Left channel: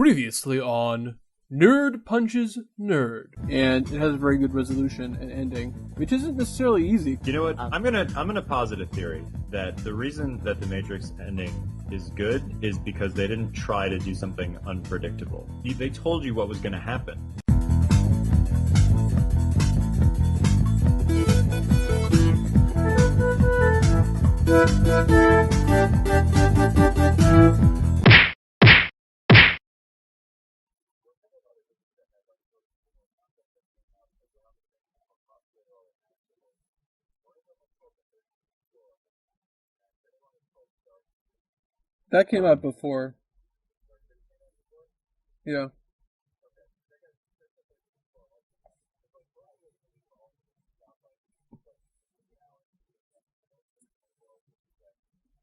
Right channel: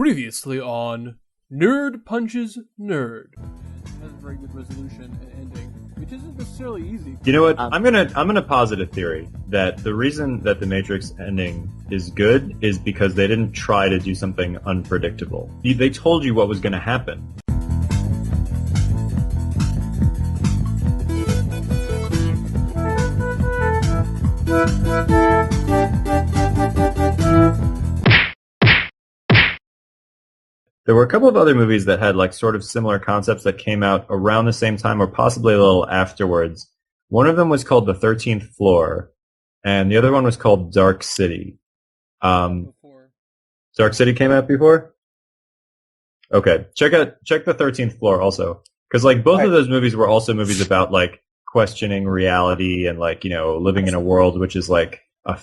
Previously on Nerd Punches Nerd, and it has a very good resolution and ending, which isn't necessarily easy. You know what? I'm gonna posit a theory that the reason that the Matrix ending is good is because they didn't try to do something unpredictable. They told you what was going to happen. There were a couple of other movies that had like sort of similar concepts that came out around the same time or possibly a little afterwards. One of them was called The 13th Floor, and the other one was called Dark City. That came out before. Dark City came out before? Yeah. Okay. Check The 13th Floor also. Because like both of those movies were also movies about like questioning reality and like, you know, living in a world which is like a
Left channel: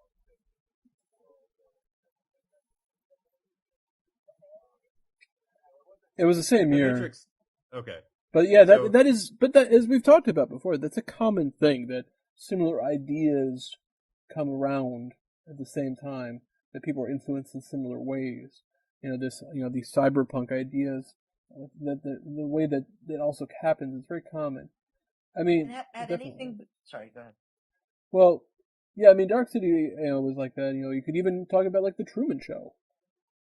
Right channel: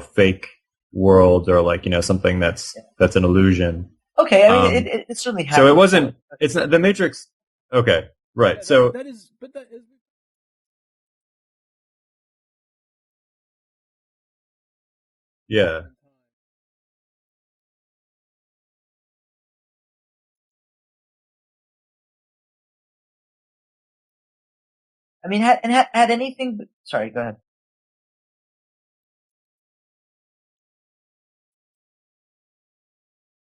fake world or like, you know, something that's an illusion. Okay, I mean, it certainly happened. So it wasn't. It was it's the Matrix. Okay, but right. Yeah, so that is, as we've talked about before, that's a common thing that similar ideas come around at the same time. That people are influenced in similar ways. You know, these cyberpunk ideas. That the way that it also happens is very common. I mean, anything? Sorry, go ahead. Well, yeah, I mean, Dark City, was like that. You know, you could even talk about like the Truman Show.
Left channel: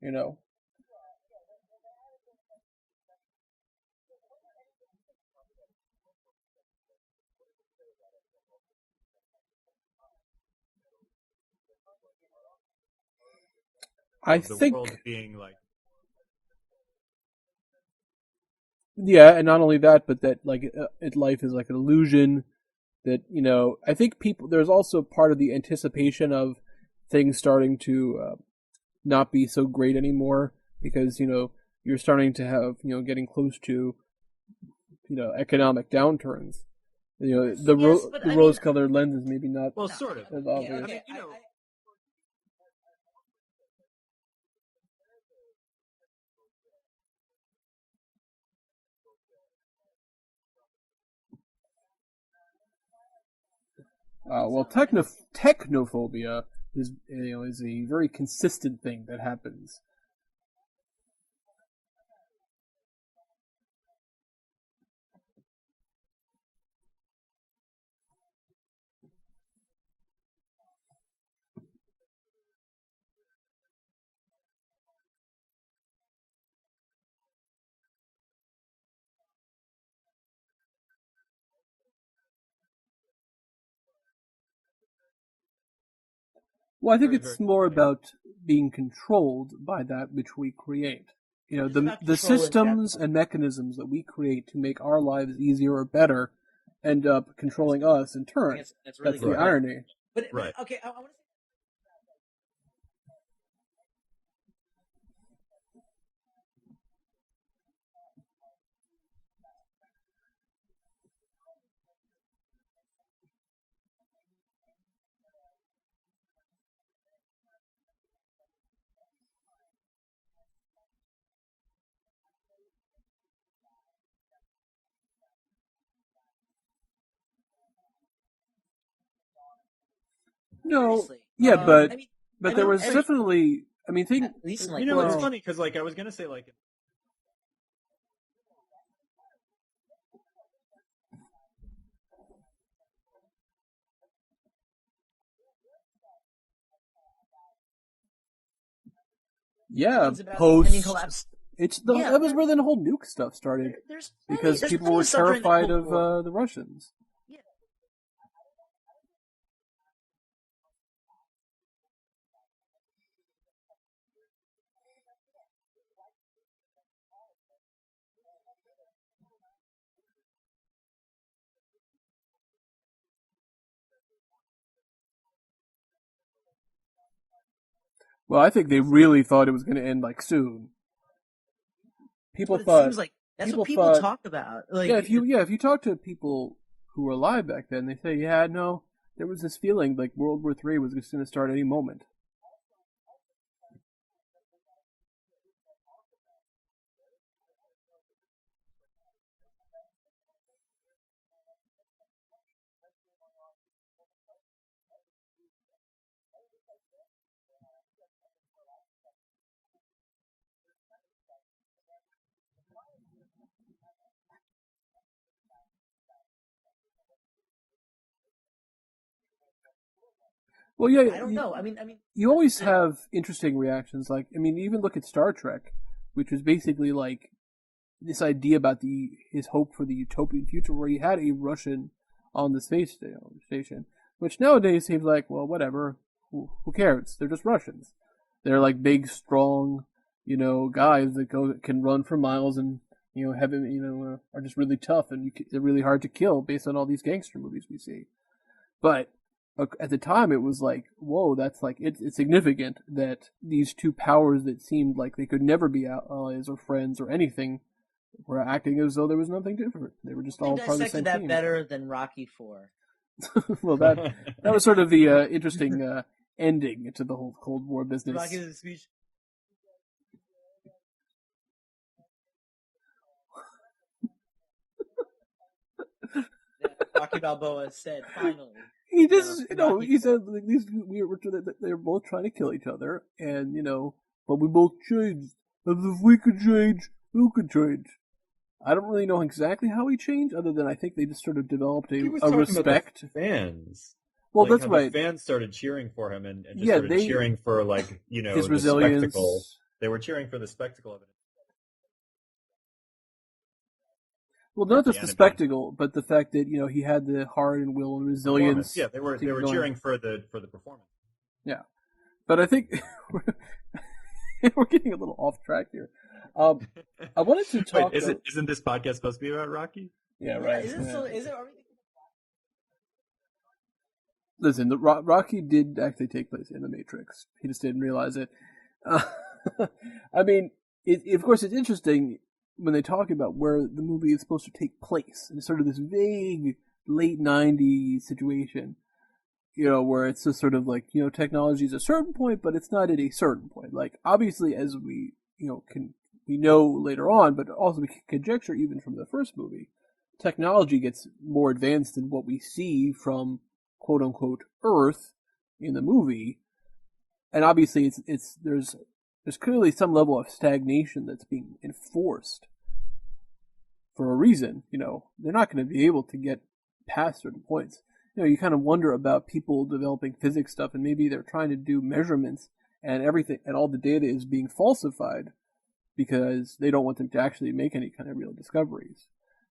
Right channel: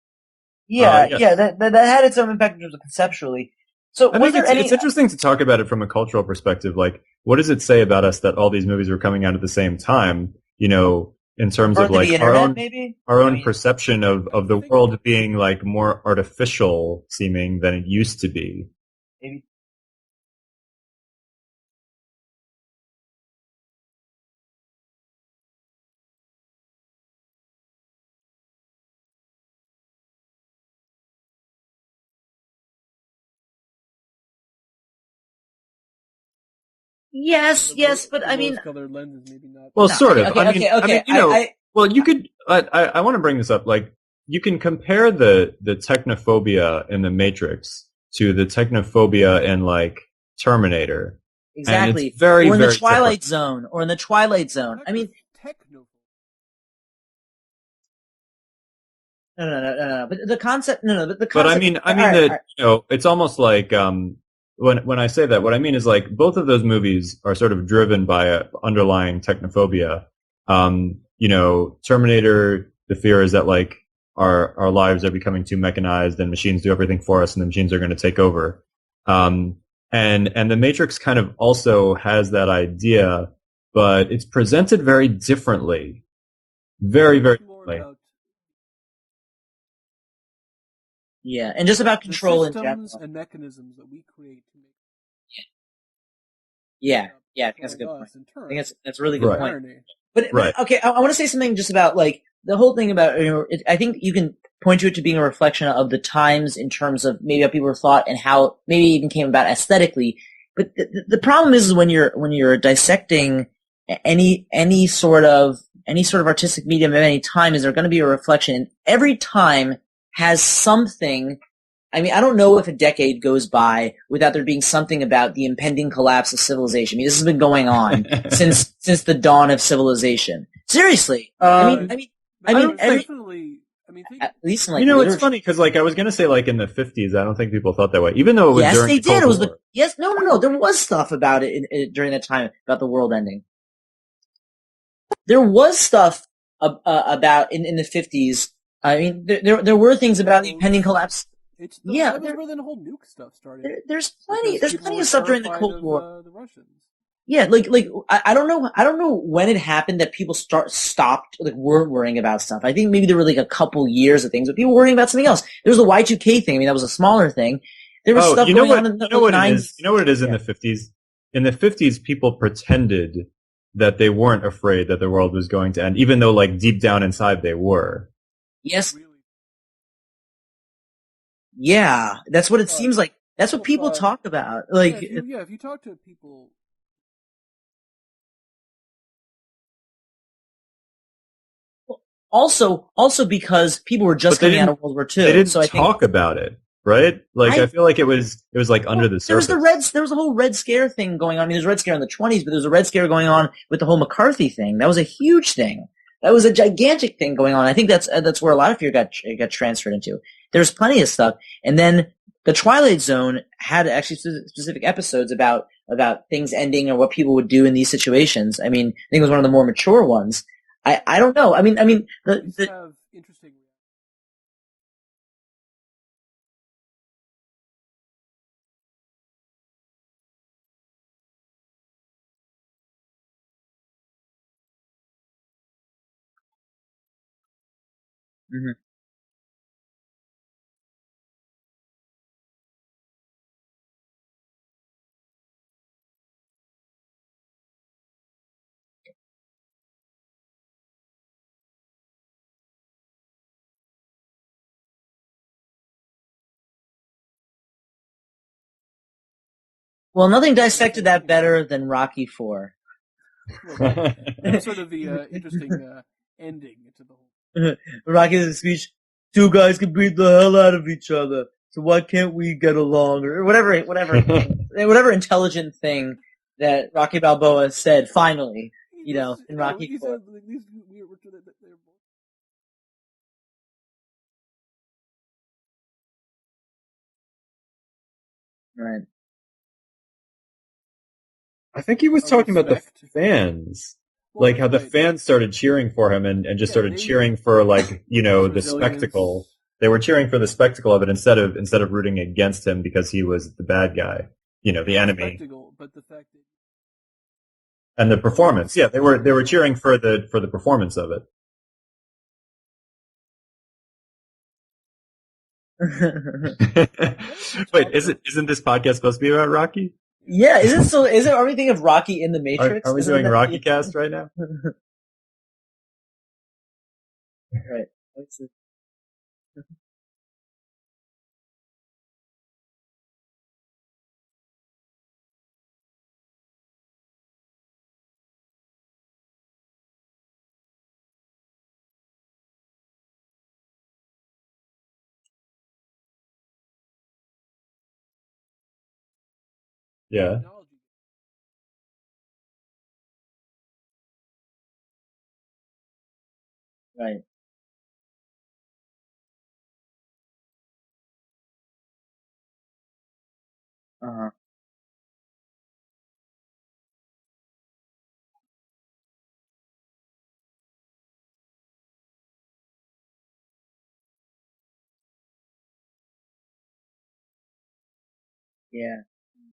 You know. Yeah, that had its own impact in terms of conceptually. So, I think it's interesting to talk about it from a cultural perspective. Like, what does it say about us that all these movies were coming out at the same time? You know, in terms of like our own perception of the world being like more artificial seeming than it used to be. Yeah, and not only that, but that like life is like an illusion. That I think there's also part of the anticipation of things starting to not be so great anymore because you're starting to have getting close to economic downturns. Yes, but I mean, rose-colored lenses maybe not. Well, sort of. Okay. Well, you could. I want to bring this up. Like, you can compare the technophobia in the Matrix to the technophobia in like Terminator. Exactly. And it's very, or in very the Twilight different. Zone, or in the Twilight Zone. Technophobia is a very consistent thing that happens. No. But the concept, But I mean it's almost like when I say that, what I mean is like both of those movies are sort of driven by an underlying technophobia. Terminator, the fear is that like our lives are becoming too mechanized and machines do everything for us, and the machines are going to take over. And the Matrix kind of also has that idea, but it's presented very differently. Well, very, it's very more about being controlled by that which we create. Yeah, and just about control the systems and mechanisms that we create to make our lives easier or better end up controlling us in turn. That's really good irony. But okay, I want to say something just about like the whole thing about I think you can point to it to being a reflection of the times in terms of maybe how people thought and how maybe it even came about aesthetically. But the problem is when you're dissecting any sort of artistic medium at any time, is there going to be a reflection? Every time has something. I mean, I don't know if a decade goes by without there being something about the impending collapse of civilization. I mean, this has been going on since the dawn of civilization. Seriously. Definitely. I mean, at least in, like, it's funny because like I was going to say like in the 50s, I don't think people thought that way, even though it was during the Cold War. No. There was stuff about it during that time about the world ending. There was stuff about in the 50s. I mean, there were things about the impending collapse. That was where the whole nuke stuff started. There's plenty people of stuff during the Cold of, War. The Russians. Yeah, like I don't know when it happened that people stopped like weren't worrying about stuff. I think maybe there were like a couple years of things, but people were worrying about something else. There was the Y2K thing. I mean, that was a smaller thing. There was stuff going on in the 90s. You know what it is in the 50s? In the 50s, people pretended that they weren't afraid that the world was going to end, even though like deep down inside they were. Well, I think they really thought it was going to end like soon. Yeah, that's what it seems like. That's what people talk about. Like, if you talk to people who were alive back then, they say, there was this feeling like World War III was going to start any moment. Also because people were just coming out of World War II. They didn't talk about it, right? Like I feel like it was like under the surface. There was a whole Red Scare thing going on. I mean, there's a Red Scare in the 20s, but there's a Red Scare going on with the whole McCarthy thing. That was a huge thing. That was a gigantic thing going on. I think that's where a lot of fear got transferred into. there's plenty of stuff. And then the Twilight Zone had actually specific episodes about things ending or what people would do in these situations. I mean, I think it was one of the more mature ones. Well, I don't know. I mean, you always have interesting reactions. Like, I mean, even look at Star Trek, which was basically like this idea about his hope for the utopian future, where he had a Russian on the space station, which nowadays seems like, well, whatever, who cares? They're just Russians. They're like big, strong, guys that can run for miles and are just really tough, and they're really hard to kill based on all these gangster movies we see. But at the time, it was like, whoa, that's like it's significant that these two powers that seemed like they could never be allies or friends or anything were acting as though there was nothing different. Well, nothing dissected that better than Rocky IV. Well, that was sort of the interesting ending to the whole Cold War business. Rocky's speech: two guys can beat the hell out of each other, so why can't we get along? Or whatever intelligent thing that Rocky Balboa said. Finally, he said they're both trying to kill each other, and but we both changed. And if we could change, who could change? I don't really know exactly how he changed, other than I think they just sort of developed. I think he was talking about the fans. Well, like how the fans started cheering for him and just started cheering for the spectacle. They were cheering for the spectacle of it instead of rooting against him because he was the bad guy. Well, not just the spectacle, but the fact that he had the heart and will and the performance. Yeah, they were cheering for the performance of it. Yeah, but I think we're getting a little off track here. I wanted to talk. Wait, isn't this podcast supposed to be about Rocky? Yeah, is it so? Is it everything of Rocky in the Matrix? Are we doing Rocky cast right now? Listen, Rocky did actually take place in the Matrix. He just didn't realize it. I mean, of course, it's interesting when they talk about where the movie is supposed to take place. And it's sort of this vague late 90s situation, where it's just sort of like, technology is a certain point, but it's not at a certain point. Like, obviously, as we, we know later on, but also we can conjecture even from the first movie, technology gets more advanced than what we see from quote unquote Earth in the movie. Right. And obviously there's clearly some level of stagnation that's being enforced for a reason. They're not going to be able to get past certain points. You kind of wonder about people developing physics stuff, and maybe they're trying to do measurements and everything, and all the data is being falsified because they don't want them to actually make any kind of real discoveries,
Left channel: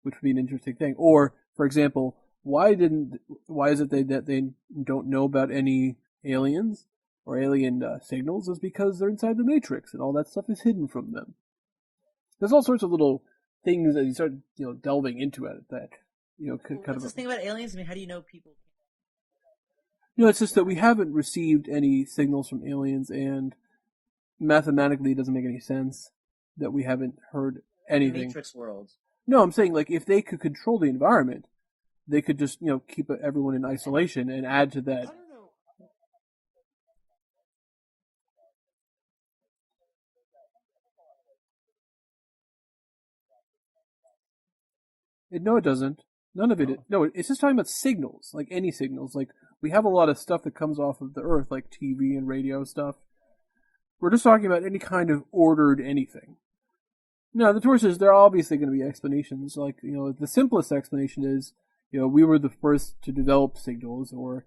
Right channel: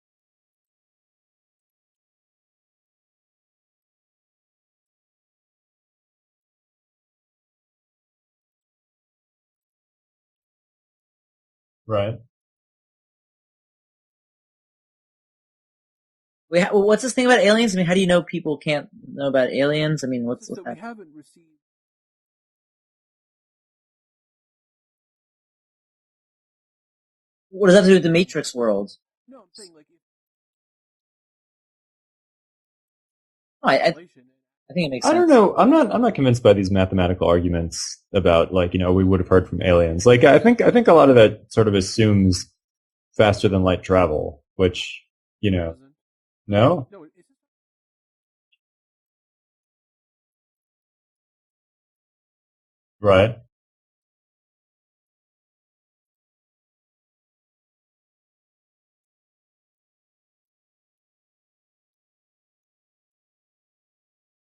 which would be an interesting thing. Or, for example, why is it that they don't know about any aliens or alien signals? Is because they're inside the Matrix and all that stuff is hidden from them. Right. There's all sorts of little things that you start delving into it that. What's this thing about aliens? I mean, how do you know people can't know about aliens? I mean, it's just that we haven't received any signals from aliens, and mathematically it doesn't make any sense that we haven't heard. What does that have to do with the Matrix world? No, I'm saying if they could control the environment, they could just keep everyone in isolation and add to that. I don't know. I'm not convinced by these mathematical arguments about we would have heard from aliens. I think a lot of that sort of assumes faster than light travel, which it doesn't. No, it's just talking about signals, like any signals. Like, we have a lot of stuff that comes off of the Earth, like TV and radio stuff. Right. We're just talking about any kind of ordered anything. Now, the sources, there are obviously going to be explanations. Like, the simplest explanation is, we were the first to develop signals, or,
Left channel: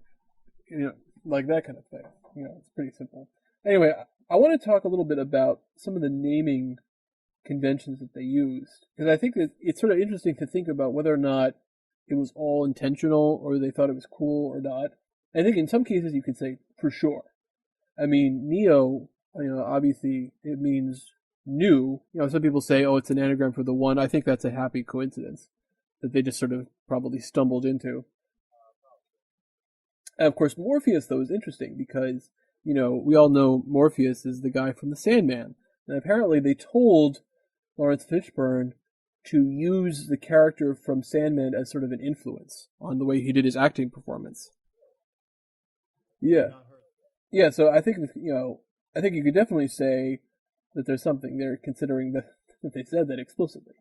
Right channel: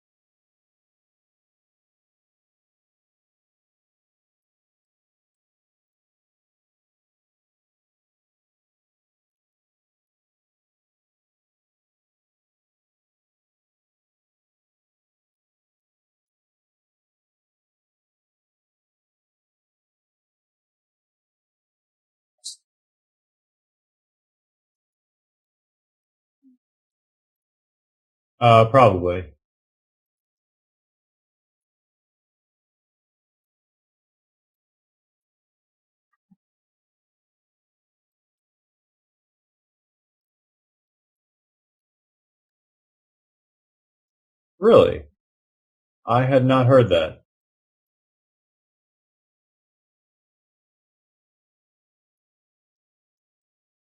like that kind of thing. It's pretty simple. Anyway, I want to talk a little bit about some of the naming conventions that they used, because I think that it's sort of interesting to think about whether or not it was all intentional or they thought it was cool or not. I think in some cases you could say for sure. I mean, Neo, obviously it means new. Some people say, oh, it's an anagram for the one. I think that's a happy coincidence that they just sort of probably stumbled into. Probably. And of course, Morpheus, though, is interesting because, we all know Morpheus is the guy from the Sandman. And apparently they told Lawrence Fishburne to use the character from Sandman as sort of an influence on the way he did his acting performance. Really? I had not heard that. Yeah, so I think, I think you could definitely say that there's something there, considering that they said that explicitly.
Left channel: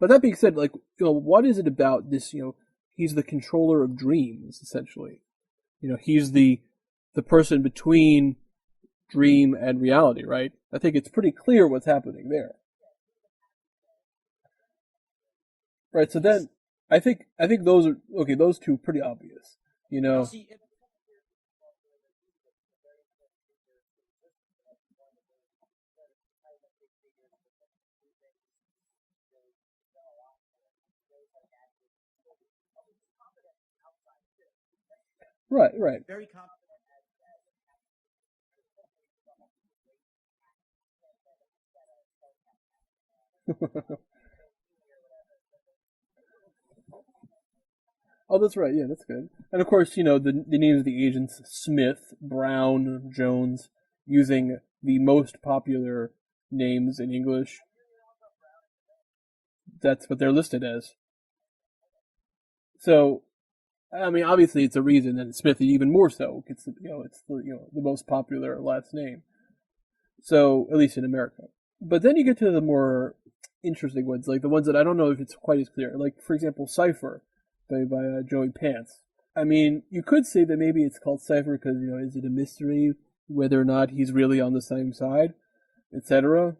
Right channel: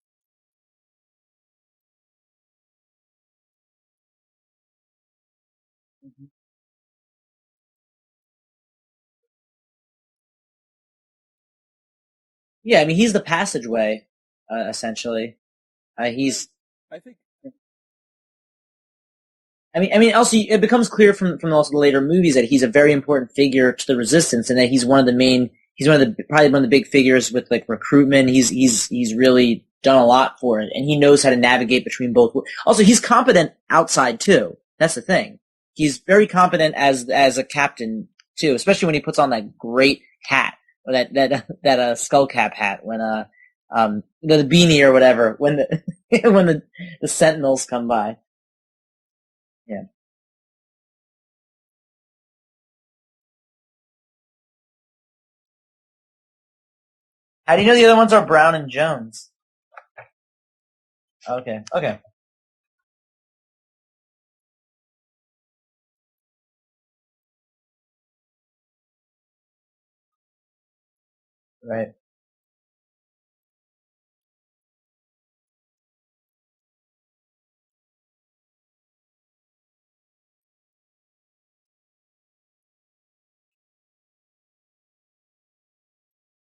But that being said, what is it about this, he's the controller of dreams, essentially. He's the person between dream and reality, right? I think it's pretty clear what's happening there. Yeah, I mean, he's the passageway, essentially. Right. So then, I think those are okay. Those two are pretty obvious. I mean, also it becomes clear from also the later movies that he's a very important figure to the resistance, and that he's one of the main. He's probably one of the big figures with like recruitment. He's really done a lot for it, and he knows how to navigate between both. Also, he's competent outside too. That's the thing. Right. He's very competent as a captain too, especially when he puts on that great hat, or that skull cap hat when the beanie or whatever when the Sentinels come by. Oh, that's right. Yeah, that's good. And of course, the names of the agents: Smith, Brown, Jones, using the most popular names in English. How do you know the other ones are Brown and Jones? That's what they're listed as. Okay. So, I mean, obviously, it's a reason that Smith even more so. It's the most popular last name. So, at least in America. Right. But then you get to the more interesting ones, like the ones that I don't know if it's quite as clear. Like, for example, Cypher, by Joey Pants. I mean, you could say that maybe it's called Cypher because, is it a mystery whether or not he's really on the same side, etc.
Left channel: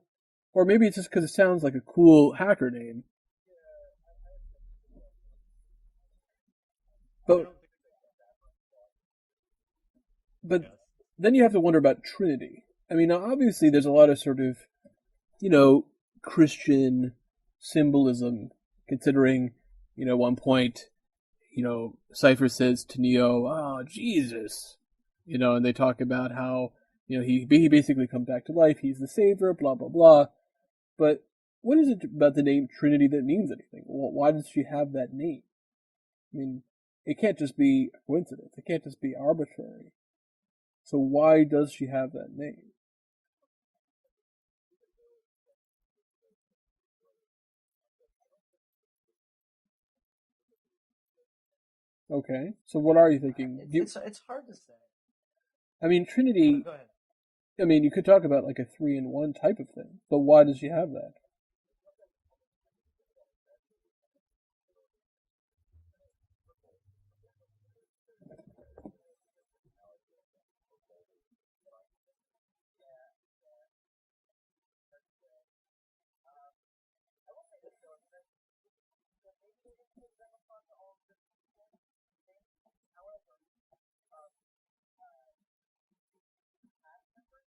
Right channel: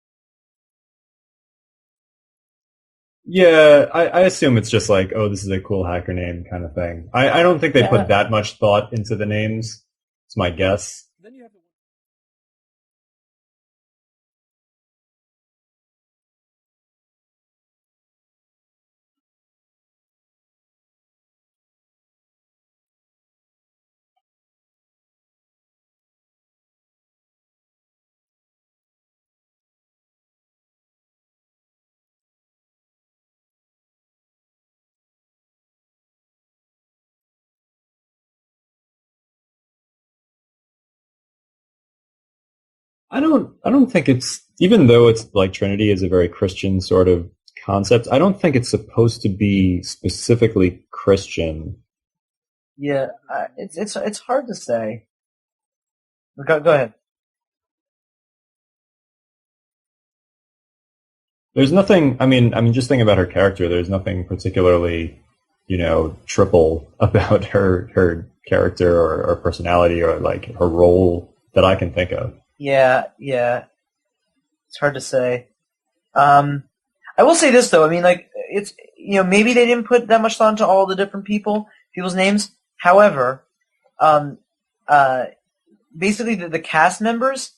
Or maybe it's just because it sounds like a cool hacker name. Yeah, I assume it's just like, oh, this is a cool hacker name kind of thing. I don't think they put that much thought into the names. It's my guess. Then you have to wonder about Trinity. I mean, obviously there's a lot of sort of, Christian symbolism, considering, one point, Cypher says to Neo, "Oh, Jesus," and they talk about how, he basically comes back to life, he's the savior, blah, blah, blah. But what is it about the name Trinity that means anything? Well, why does she have that name? I mean, it can't just be a coincidence. It can't just be arbitrary. So why does she have that name? I don't think it's, even though it's like Trinity is a very Christian sort of concept, I don't think it's supposed to be specifically Christian. Okay. So what are you thinking? It's hard to say. I mean, Trinity... Go ahead. I mean, you could talk about like a 3-in-1 type of thing, but why does she have that? There's nothing, I mean, just thinking about her character, there's nothing particularly, triple about her character or personality or like her role that I can think of. Yeah. It's hard to say. I will say this though, I mean, like, it's, maybe they didn't put that much thought into all the different people's names. However, basically the cast members,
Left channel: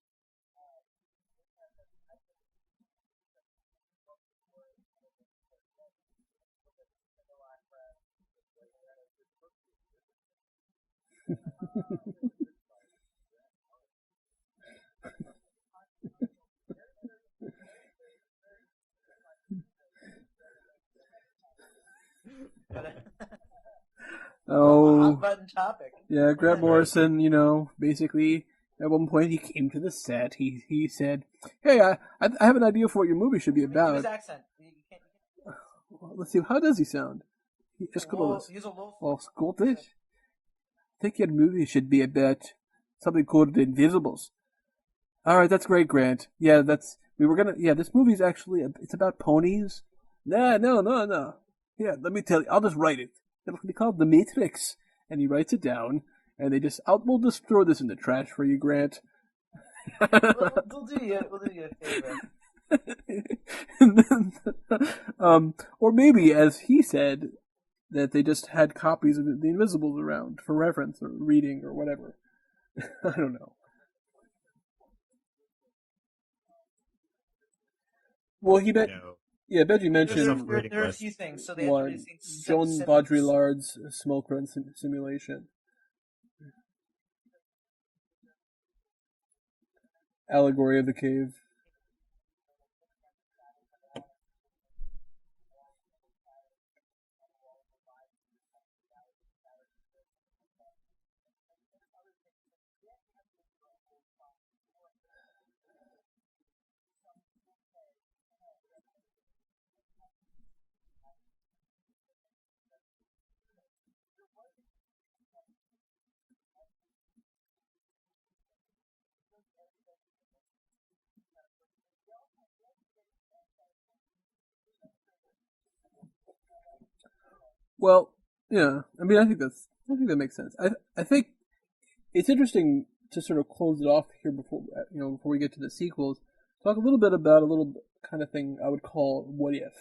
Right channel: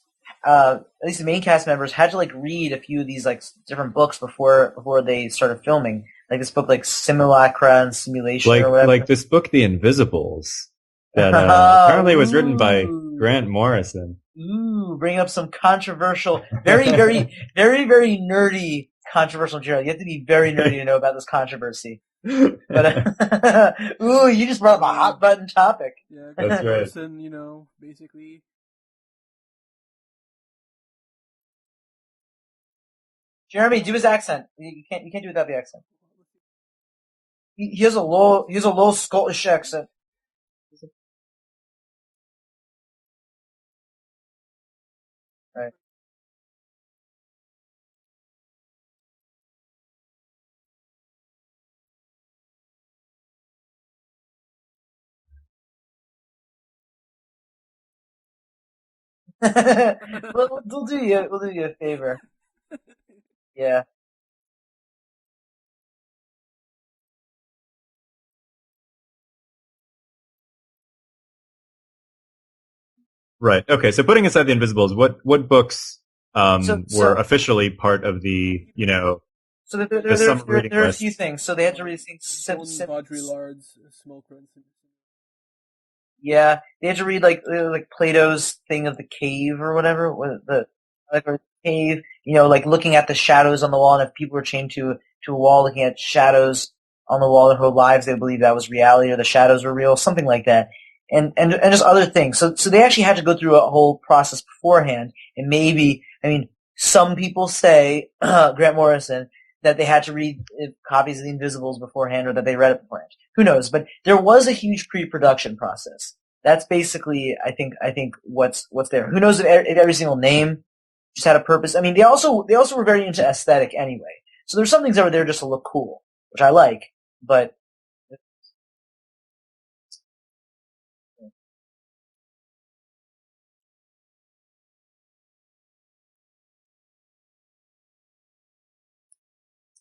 at least the main cast members, had to like read a few of these like different books before they started filming. Like this book, like Simulacra and Simulation, or whatever. Like this book, The Invisibles, that apparently was written by Grant Morrison. Ooh, bring up some controversial, very, very, very, very nerdy controversial material. You have to be very nerdy to know about this controversy. But ooh, you just brought up a hot button topic. Yeah, Grant Morrison, basically at one point he came to the set. He said, "Hey, I have an idea for what your movie should be." Jeremy, do his accent. You can't do it without the accent. Well, let's see. How does he sound? He has a low Scottish accent. I think your movie should be about something called The Invisibles. All right, that's great, Grant. Yeah, this movie's actually it's about ponies. No. Yeah, let me tell you. I'll just write it. It'll be called The Matrix, and he writes it down. And we'll just throw this in the trash for you, Grant. we'll do you a favor. Yeah. Or maybe, as he said, that they just had copies of The Invisibles around for reference or reading or whatever. I don't know. Right. Okay. So putting aside The Invisibles, what books were officially part of the Yeah, so there are a few things. So they had to read things. John Baudrillard's Smoke Run Simulation. Yeah, they had to read like Plato's thing of the cave or whatever. Allegory of the Cave. Cave. Like looking at the shadows on the wall, and if people were chained to a wall, looking at shadows on the wall their whole lives, they believed that was reality or the shadows were real, something like that. And just other things. So they actually had to go through a whole process beforehand. And maybe, some people say, Grant Morrison, that they had to read copies of The Invisibles beforehand or that they read it beforehand. Who knows? But there was a huge pre-production process. That's basically, I think what's there. Who knows if every single name just had a purpose? I mean, they also were very into aesthetic anyway. So there's some things that were there just to look cool, which I like. But yeah. I think that makes sense. I think it's interesting to sort of close it off here before we get to the sequels. talk a little bit about a little kind of thing I would call what if.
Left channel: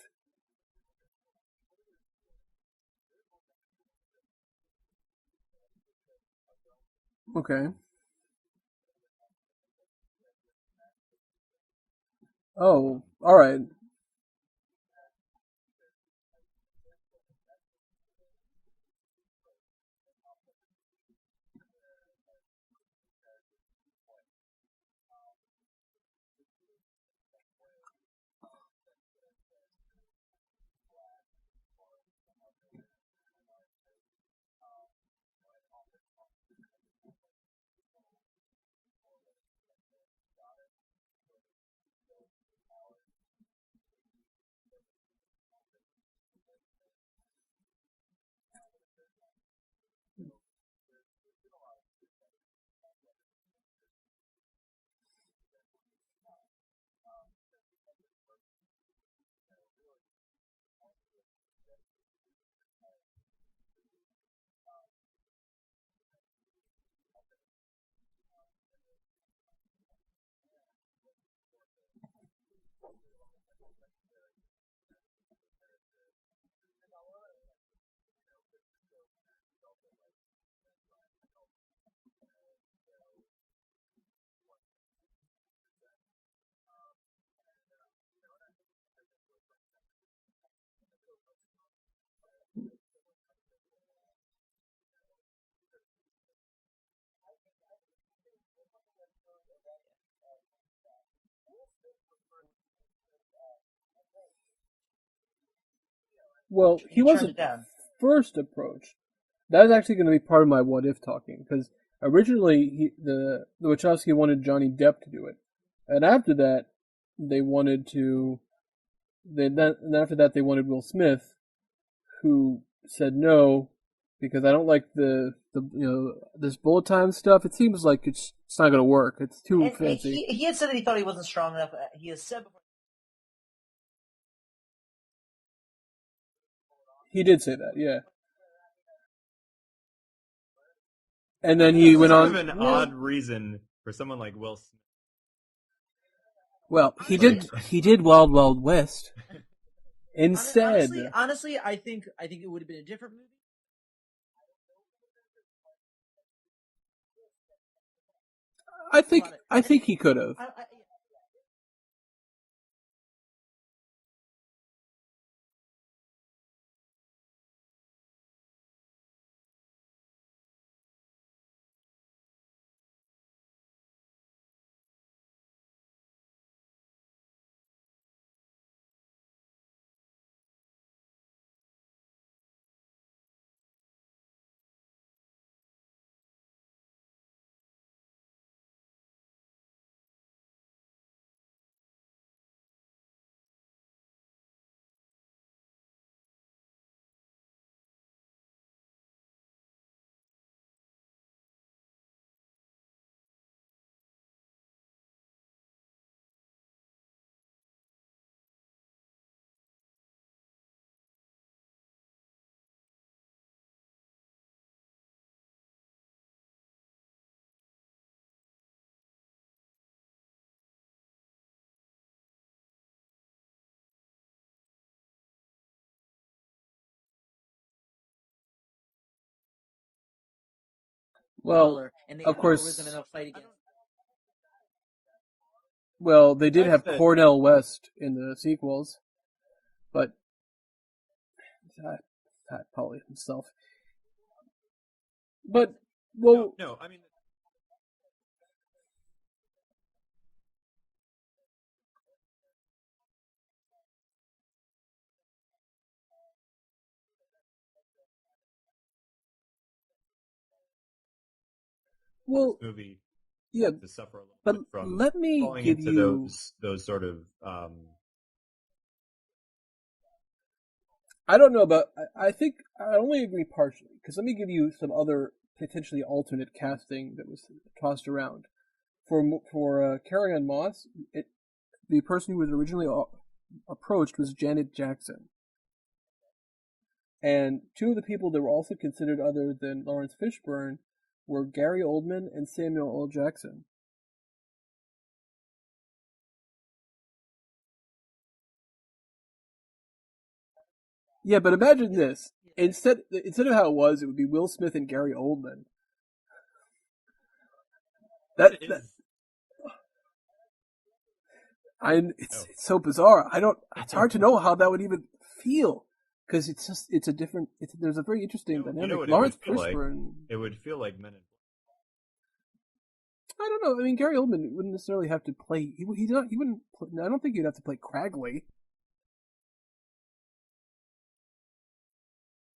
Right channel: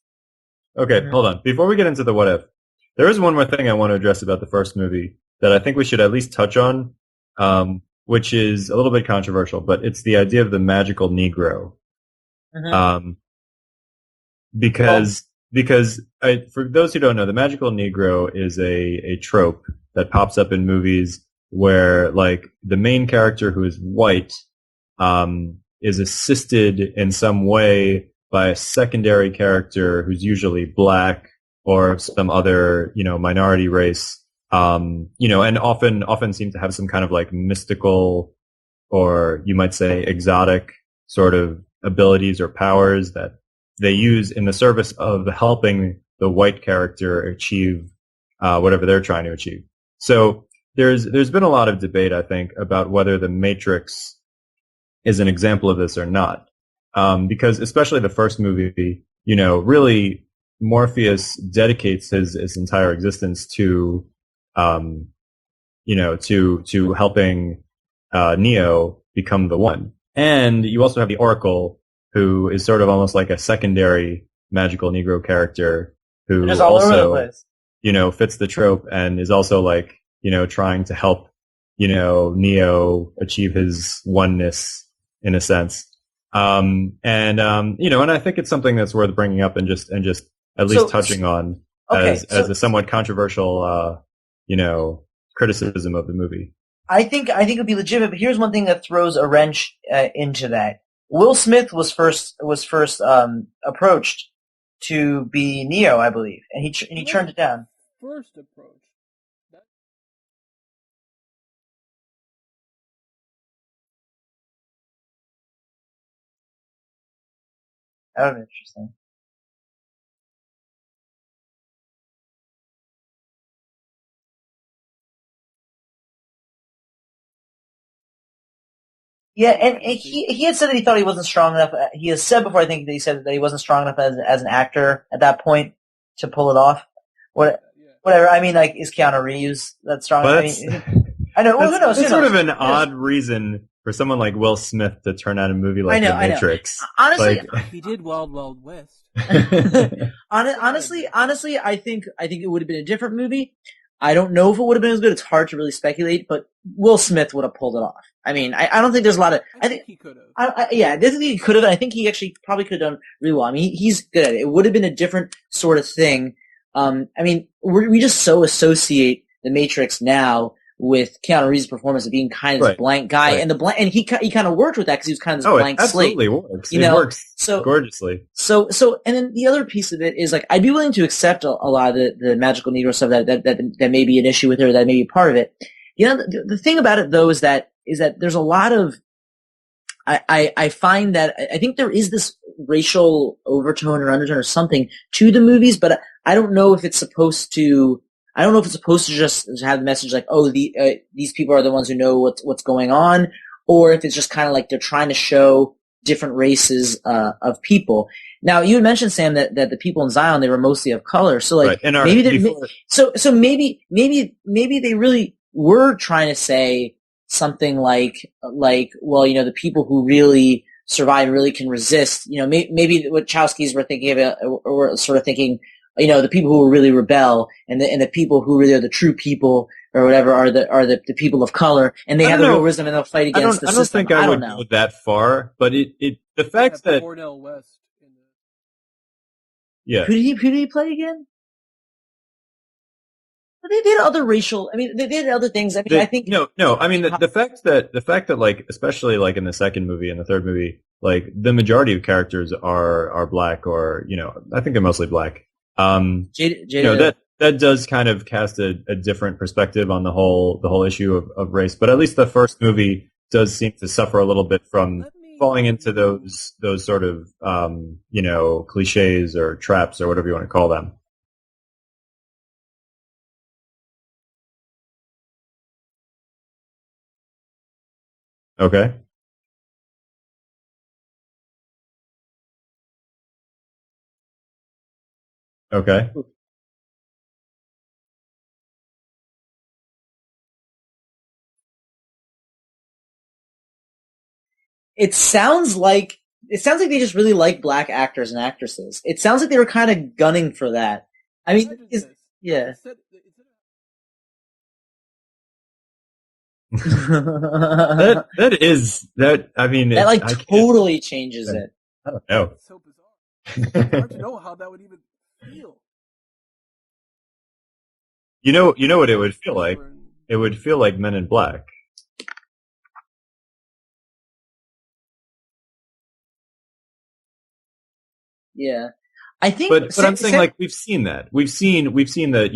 Okay, hold on. Before we get into the what if, there is one more thing I want to address about the first movie that I think we should at least touch on, which is a little bit controversial, but it's the idea of the magical Negro. All right. Because for those who don't know, the magical Negro is a trope that pops up in movies where like the main character who is white is assisted in some way by a secondary character who's usually black or some other, minority race, and often seem to have some kind of like mystical or you might say exotic sort of abilities or powers that they use in the service of helping the white character achieve whatever they're trying to achieve. So there's been a lot of debate, I think, about whether The Matrix is an example of this or not. Because especially the first movie, really Morpheus dedicates his entire existence to, to helping Neo become the one. And you also have the Oracle, who is sort of almost like a secondary magical Negro character who also, fits the trope and is also like, trying to help, Neo achieve his oneness in a sense. And I think it's something that's worth bringing up and just at least touching on as a somewhat controversial, criticism of the movie. I think it would be legitimate, but here's one thing that throws a wrench into that. Will Smith was first approached to be Neo, I believe, and he turned it down. First approach. That is actually going to be part of my what if talking, because originally the Wachowski wanted Johnny Depp to do it, and after that they wanted to. Oh, interesting. And after that they wanted Will Smith, who said no because I don't like the this bullet time stuff. It seems like it's not going to work. And he had said that he thought he wasn't strong enough. He has said before, I think, that he said that he wasn't strong enough as an actor at that point to pull it off. He did say that, yeah. Whatever. I mean, like, is Keanu Reeves that strong? I know. It's sort of an odd reason for someone like Will Smith to turn out a movie like The Matrix. Well, honestly, he did Wild Wild West. honestly, I think it would have been a different movie. I don't know if it would have been as good. It's hard to really speculate, but Will Smith would have pulled it off. I mean, I don't think there's a lot of. I think he could have. I think he could have. I think he actually probably could have done really well. I mean, he's good at it. It would have been a different sort of thing. I mean, we just so associate The Matrix now with Keanu Reeves' performance of being kind of this blank guy, and he kind of worked with that because he was kind of this blank slate. Absolutely works. It works gorgeously. So, and then the other piece of it is like I'd be willing to accept a lot of the magical Negro stuff that may be an issue with it or that may be part of it. The thing about it though is that there's a lot of I find that I think there is this racial overtone or undertone or something to the movies, but I don't know if it's supposed to. I don't know if it's supposed to just have the message like, oh, these people are the ones who know what's going on, or if it's just kind of like they're trying to show different races of people. Now, you had mentioned, Sam, that the people in Zion, they were mostly of color. So like maybe maybe they really were trying to say something like well, the people who really survive and really can resist, maybe what Wachowskis were thinking of or sort of thinking. The people who really rebel and the people who really are the true people or whatever are the people of color, and they have the wisdom and they'll fight against the system. I don't think I would go that far, but they did have Cornel West in the sequels. Yeah. Who did he play again? Probably himself. But they did other racial. I mean, they did other things. I mean, I think no. I mean, the fact that like, especially like in the second movie and the third movie, like the majority of characters are black or I think they're mostly black. That does kind of cast a different perspective on the whole issue of race. But at least the first movie does seem to suffer a little bit from falling into those sort of cliches or traps or whatever you want to call them. I don't know about. I think I only agree partially because let me give you some other potentially alternate casting that was tossed around. Okay. For Carrie-Anne Moss, the person who was originally approached was Janet Jackson. Okay. And two of the people that were also considered other than Lawrence Fishburne were Gary Oldman and Samuel L. Jackson. It sounds like It sounds like they just really like black actors and actresses. It sounds like they were kind of gunning for that. Yeah, but imagine this. Yeah. Instead of how it was, it would be Will Smith and Gary Oldman. that is that. I mean, that like totally changes it. It's so bizarre. It's hard to know how that would even feel because it's a different. There's a very interesting. You know what it would feel like. It would feel like Men in Black. I don't know. I mean, Gary Oldman wouldn't necessarily have to play. He wouldn't. I don't think he'd have to play Cragley. Yeah. I think, but I'm saying like we've seen that we've seen that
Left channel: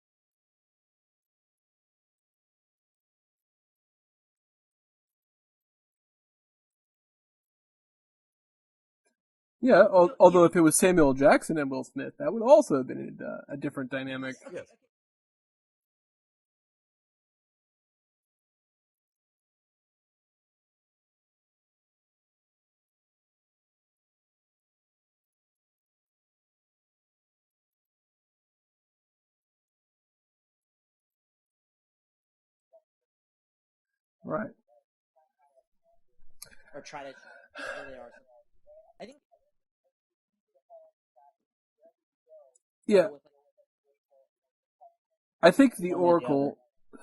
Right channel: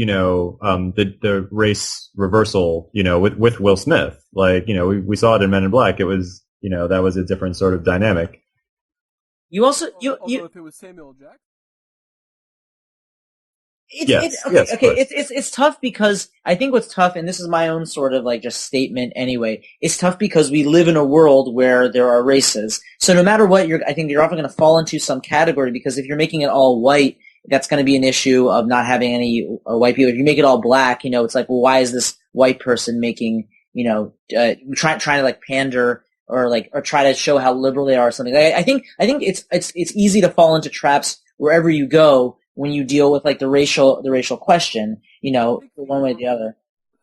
the race reversal with Will Smith, like we saw it in Men in Black. It was that was a different sort of dynamic. You also although if it was Samuel Jackson and Will Smith, that would also have been a different dynamic. It's tough because I think what's tough, and this is my own sort of like just statement anyway. It's tough because we live in a world where there are races. So no matter what, I think you're often going to fall into some category because if you're making it all white, that's going to be an issue of not having any white people. If you make it all black, it's like, well, why is this white person making trying to like pander? Or try to show how liberal they are or something. I think it's easy to fall into traps wherever you go when you deal with like the racial question. I think the one way or the other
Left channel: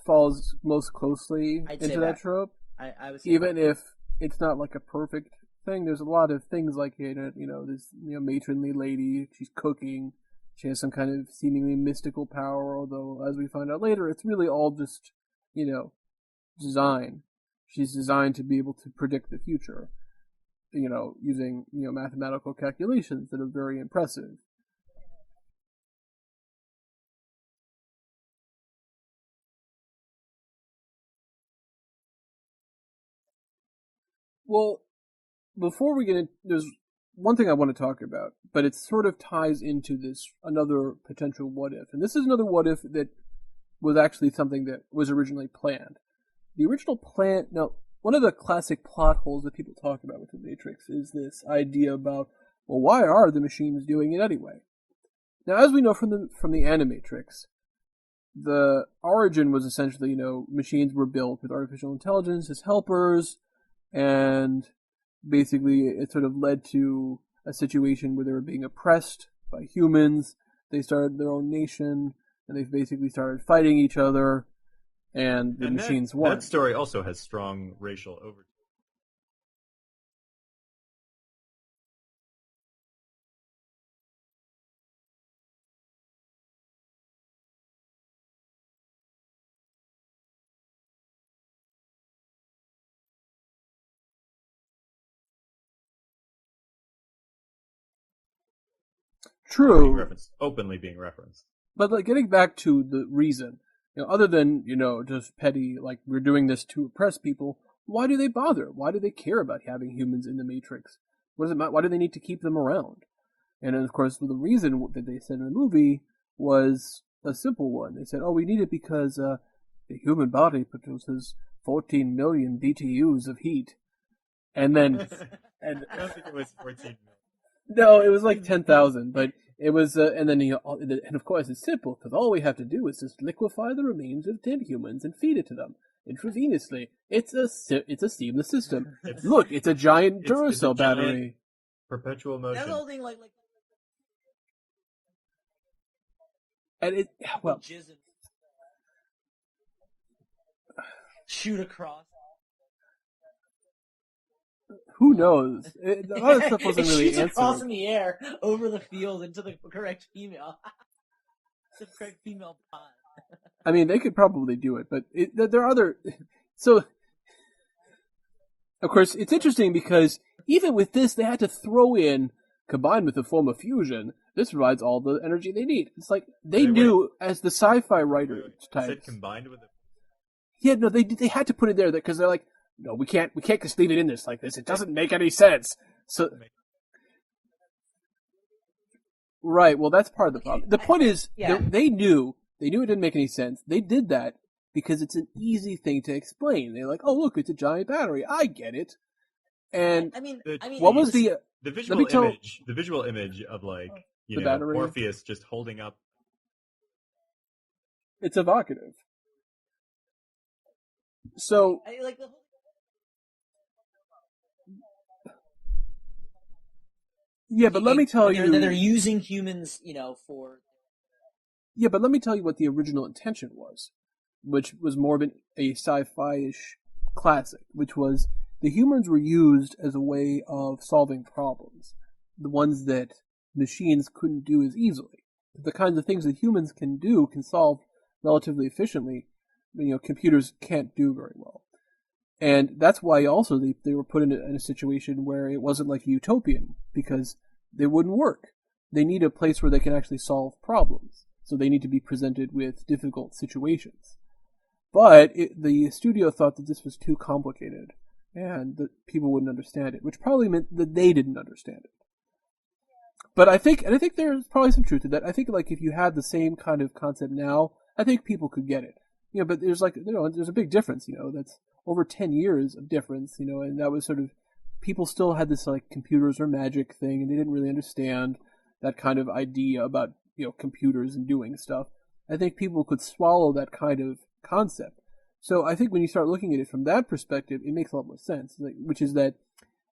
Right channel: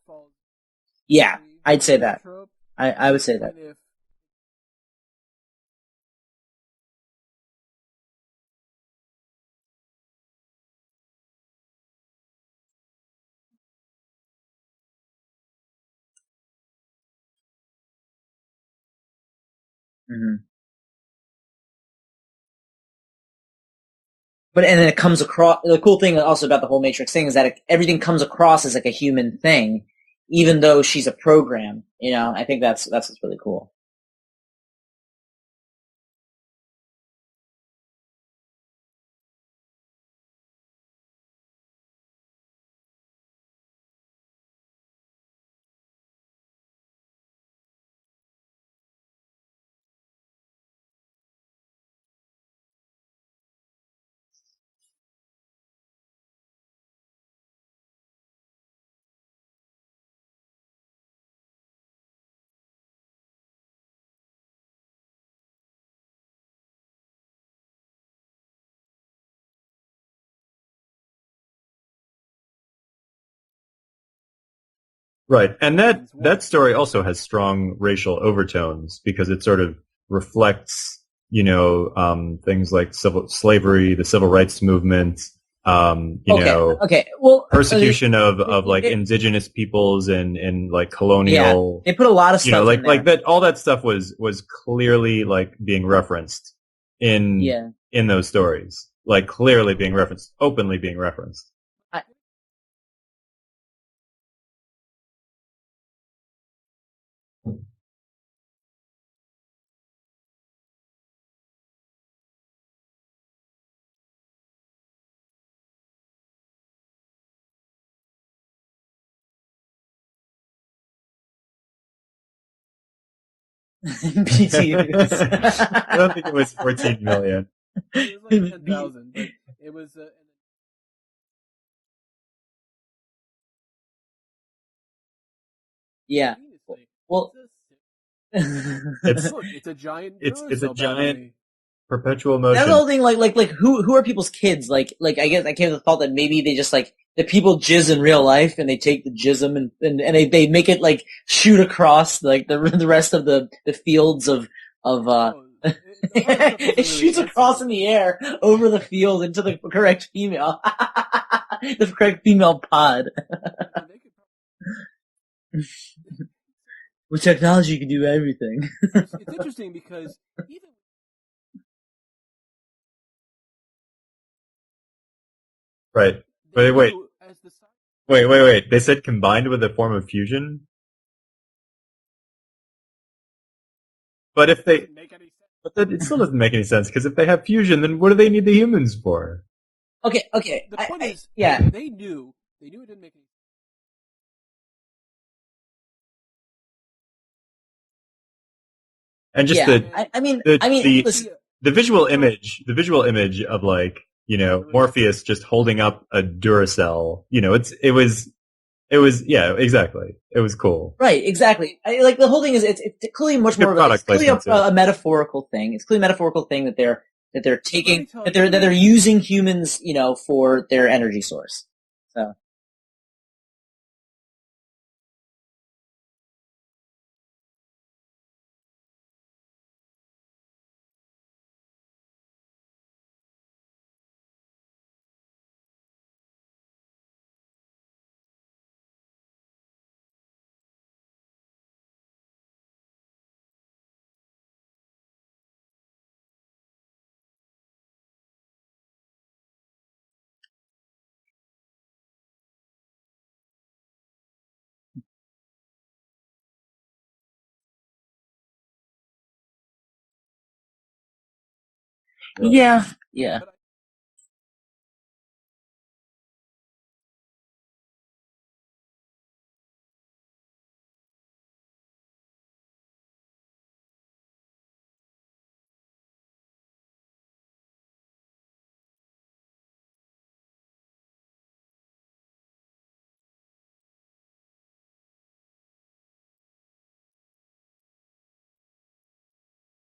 falls most closely. Yeah, I'd say that. Trope. I would say even if it's not like a perfect thing. There's a lot of things like this matronly lady. She's cooking. She has some kind of seemingly mystical power. Although as we find out later, it's really all just design. She's designed to be able to predict the future, using mathematical calculations that are very impressive. And then it comes across. The cool thing also about the whole Matrix thing is that everything comes across as like a human thing, even though she's a program. I think that's what's really cool. Well, before we get into, there's one thing I want to talk about, but it sort of ties into this another potential what if, and this is another what if that was actually something that was originally planned. The original plan. Now, one of the classic plot holes that people talk about with the Matrix is this idea about, well, why are the machines doing it anyway? Now, as we know from the Animatrix, the origin was essentially, machines were built with artificial intelligence as helpers, and basically it sort of led to a situation where they were being oppressed by humans. They started their own nation, and they basically started fighting each other. And that story also has strong racial overtones because it sort of reflects, things like slavery, the civil rights movement, persecution of like indigenous peoples and like colonial. Yeah, they put a lot of stuff. Like that. All that stuff was clearly like being referenced in those stories, like clearly being referenced, openly being referenced. But like getting back to the reason. Other than, just petty, like, we're doing this to oppress people, why do they bother? Why do they care about having humans in the Matrix? What does it matter? Why do they need to keep them around? And then, of course, the reason that they said in the movie was a simple one. They said, we need it because the human body produces 14 million BTUs of heat. BTUs? I don't think it was 14 million. No, it was like 10,000, but... It was, and of course it's simple because all we have to do is just liquefy the remains of dead humans and feed it to them intravenously. Well, it's a seamless system. It's a giant Duracell battery. Perpetual motion. That's the whole thing. Like who are people's kids? Like I guess I came to the thought that maybe they just the people jizz in real life and they take the jism and they make it like shoot across like the rest of the fields of. Who knows? It shoots across in the air over the field into the correct female. The correct female pod. I mean, they could probably do it, but there are other... So with technology, you can do everything. Of course, it's interesting because even with this, they had to throw in, combined with the form of fusion, this provides all the energy they need. Right. Like, they knew as the sci-fi... Wait. They said combined with a form of fusion? Yeah, no, they had to put it there because they're like, no, we can't just leave it in this. Like, but it doesn't make any sense. It still doesn't make any sense because if they have fusion, then what do they need the humans for? Right. Well, that's part of the problem. The point is, they knew it didn't make any sense. They did that because it's an easy thing to explain. They're like, oh, look, it's a giant battery. I get it. And just the visual image of like, Morpheus just holding up a Duracell. It's evocative. It was, yeah, exactly. It was cool. Right, exactly. So, the whole thing is it's clearly much more of it's clearly a metaphorical thing. It's clearly a metaphorical thing that they're taking, that they're using humans, for their energy source. Yeah, but let me tell you what the original intention was, which was more of a sci-fi-ish classic, which was the humans were used as a way of solving problems, the ones that machines couldn't do as easily. The kinds of things that humans can solve relatively efficiently, computers can't do very well. And that's why also they were put in a situation where it wasn't like a utopian, because they wouldn't work. They need a place where they can actually solve problems. So they need to be presented with difficult situations. But the studio thought that this was too complicated and that people wouldn't understand it, which probably meant that they didn't understand it. Yeah. But I think there's probably some truth to that. I think if you had the same kind of concept now, I think people could get it. But there's there's a big difference. That's over 10 years of difference. And that was sort of, people still had this computers are magic thing, and they didn't really understand that kind of idea about computers and doing stuff. I think people could swallow that kind of concept. So I think when you start looking at it from that perspective, it makes a lot more sense. Which is that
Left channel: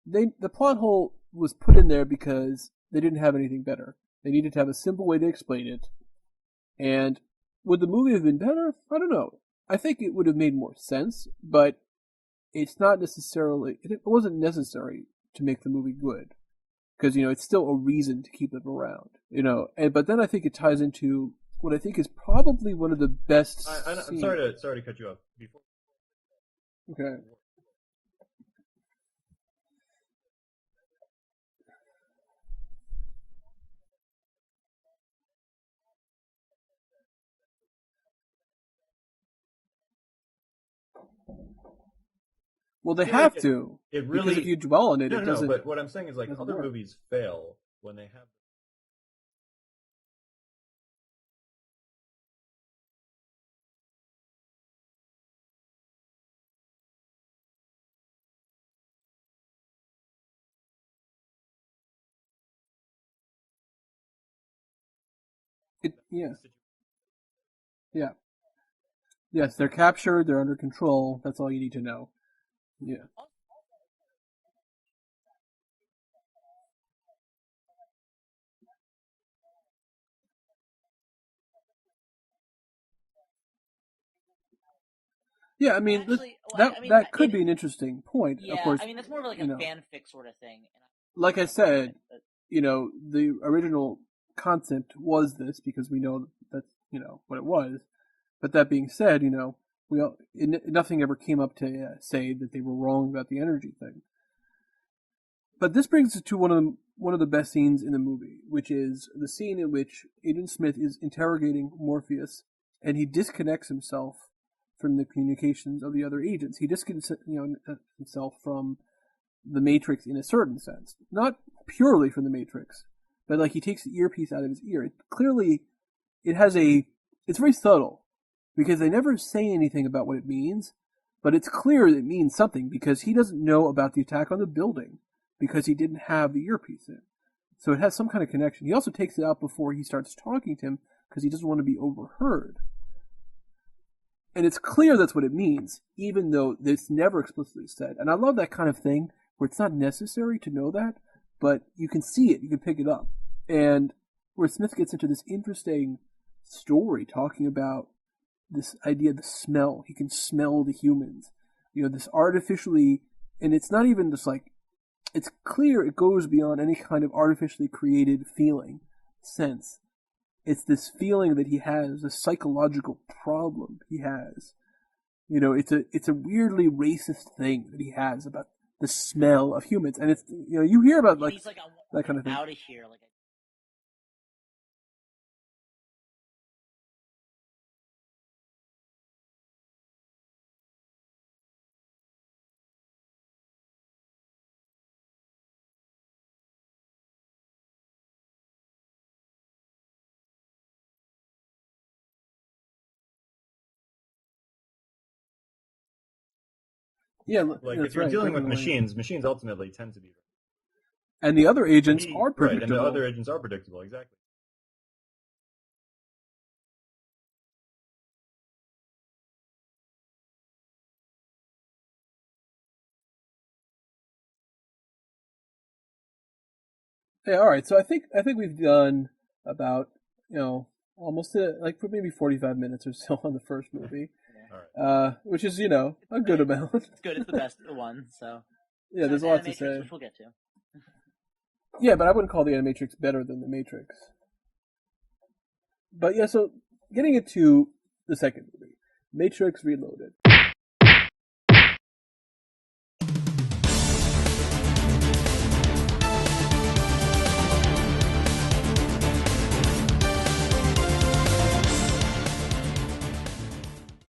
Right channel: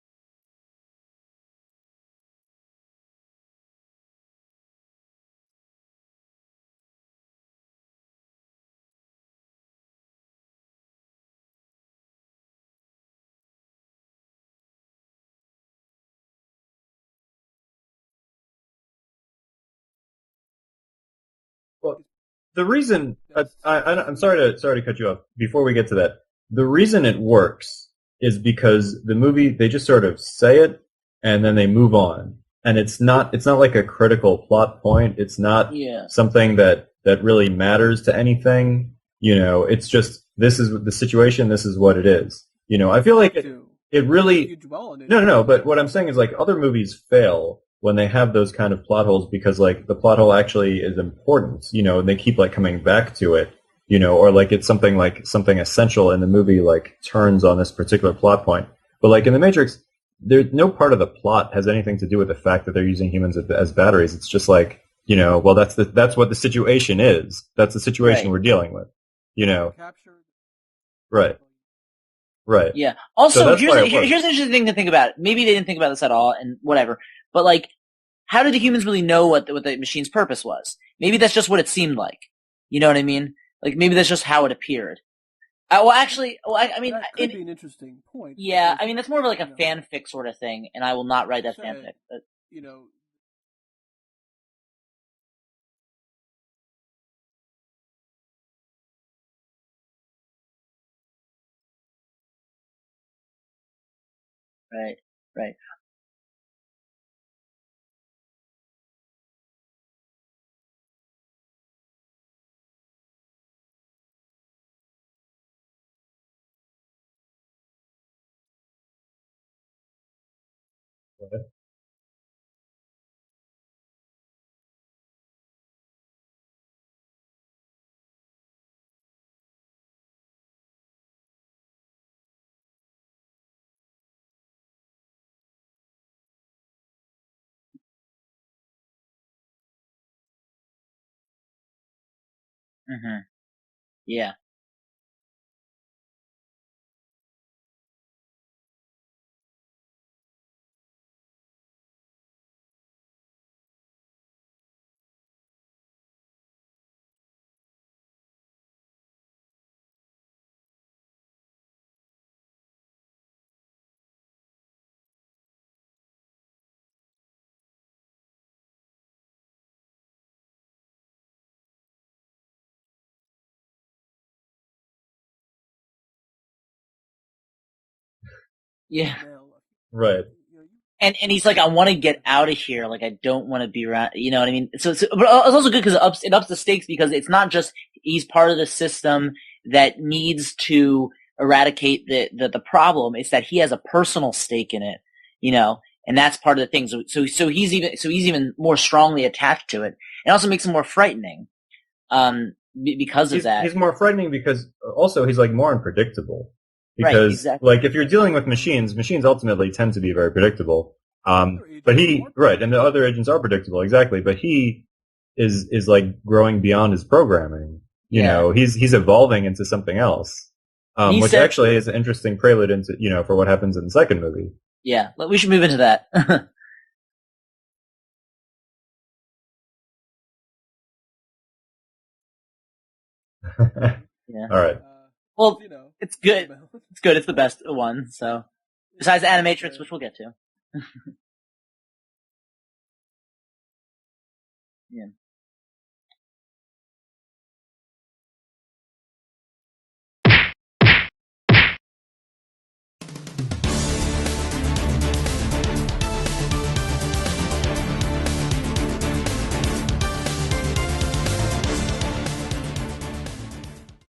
the plot hole was put in there because they didn't have anything better. They needed to have a simple way to explain it. And would the movie have been better? I don't know. I think it would have made more sense, but it wasn't necessary to make the movie good. Because, it's still a reason to keep them around. But then I think it ties into what I think is probably the reason, one of the best. I'm sorry to cut you off. Before we get to that, the reason it works is because the movie, they just sort of say it and then they move on, and it's not like a critical plot point. It's not something that really matters to anything. It's just, this is the situation. This is what it is. I feel like it really. You dwell on it. No. But what I'm saying is other movies fail when they have those kind of plot holes because the plot hole actually is important. And they keep coming back to it. Or it's something essential in the movie turns on this particular plot point. But in The Matrix, there's no part of the plot has anything to do with the fact that they're using humans as batteries. It's just that's what the situation is. That's the situation we're dealing with. They're captured, they're under control. Right. That's all you need to know. Right. Yeah. Also, here's an interesting thing to think about. Maybe they didn't think about this at all, and whatever. But how did the humans really know what the machine's purpose was? Maybe that's just what it seemed like. You know what I mean? Maybe that's just how it appeared. Yeah. That could be an interesting point. Yeah. That's more of a fanfic sort of thing, and I will not write that fanfic. But... the original concept was this because we know that's what it was. But that being said, nothing ever came up to say that they were wrong about the energy thing. Right. But this brings us to one of the best scenes in the movie, which is the scene in which Agent Smith is interrogating Morpheus, and he disconnects himself from the communications of the other agents. He disconnects himself from the Matrix in a certain sense, not purely from the Matrix, but he takes the earpiece out of his ear. It's very subtle. Because they never say anything about what it means, but it's clear it means something because he doesn't know about the attack on the building because he didn't have the earpiece in. So it has some kind of connection. He also takes it out before he starts talking to him because he doesn't want to be overheard. Mm-hmm. Yeah. And it's clear that's what it means, even though it's never explicitly said. And I love that kind of thing where it's not necessary to know that, but you can see it, you can pick it up. And where Smith gets into this interesting story talking about this idea of the smell. He can smell the humans. This artificially, and it's not even just it's clear it goes beyond any kind of artificially created sense. It's this feeling that he has, a psychological problem he has. It's a weirdly racist thing that he has about the smell of humans. Right. You hear about and he's I want to get out of here. I don't want to be around. You know what I mean? So but it's also good because it ups the stakes because it's not just he's part of the system that needs to eradicate the problem. It's that he has a personal stake in it. And that's part of the thing. So he's even more strongly attached to it. It also makes him more frightening. Because of that. He's more frightening because also he's more unpredictable. Because if you're dealing with machines ultimately tend to be very predictable. And the other agents are right, and the other agents are predictable, exactly. But he is like growing beyond his programming. You know, he's evolving into something else, which actually is an interesting prelude into for what happens in the second movie. Yeah, we should move into that. Yeah, all right. So I think we've done about almost like maybe 45 minutes or so on the first movie. Yeah. All right. Which is it's a good amount. It's good. It's the best one. So besides Animatrix, which we'll get to. Yeah, but I wouldn't call the Animatrix better than the Matrix. Yeah. But yeah, so getting into the second movie, Matrix Reloaded.